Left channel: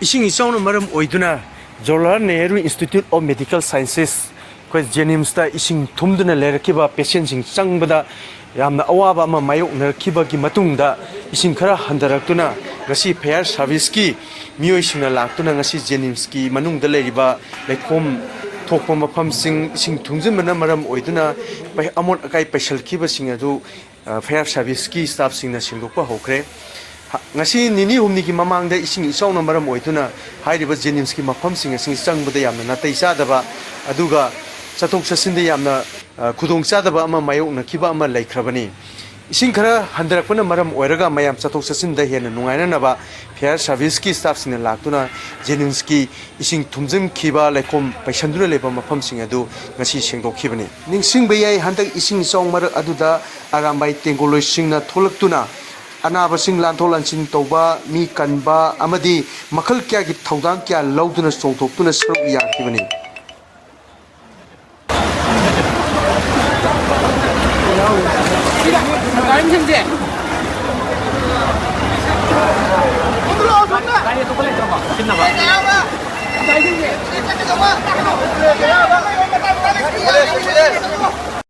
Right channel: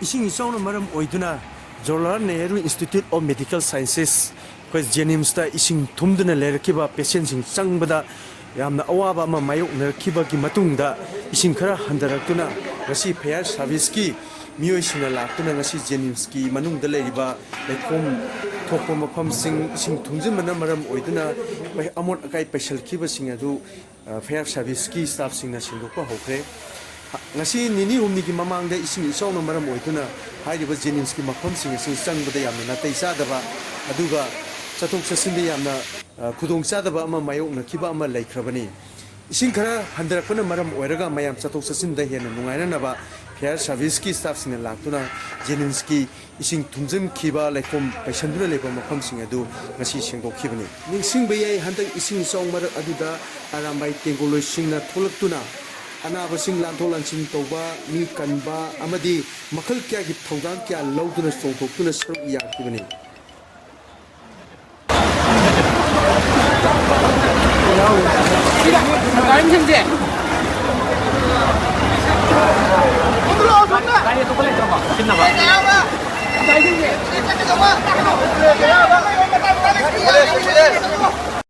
Ising isang maram oiduna Jawaharlal Nehru Institute of Medical Sciences ko JNiMS ta ising thumduna lerkiba patient sing sengbada yamna awaba ama mayok narkiba gi matungda ising khara handaraktuna ngasi fair service ki miyoi singna laktuna ngasi JNiMS ki manungda leriba lekhom thokpa mafam sing thumjimna maram oiduna bai amon akai special kiba sing adu fair service ki staff singna sindokpa hokre ngasi nini humni ki mamangda ising isawna maram oiduna hairiba JNiMS ki mafam sing asing sangbada yamna natai sadaba aduga chatok chasinda yamna khudong sadaba ama mayok nakiba ama laikhrabani ising khara handarakpana maram oiraga mayam chatok chasinda hena nungaina naba fair service ki staff sing laktuna JNiMS ki ising thumjim khiba laikom paisanduna leba mafam sing adu ngasi singdokhibani ningsing bayai handak ising sawmar aduda arambai tengoloi singna tholaktuna anabasing lantolansing tauba mi kanba amadi makhal kya gi thaudang kya lauduna songthoktuna saruk yakibani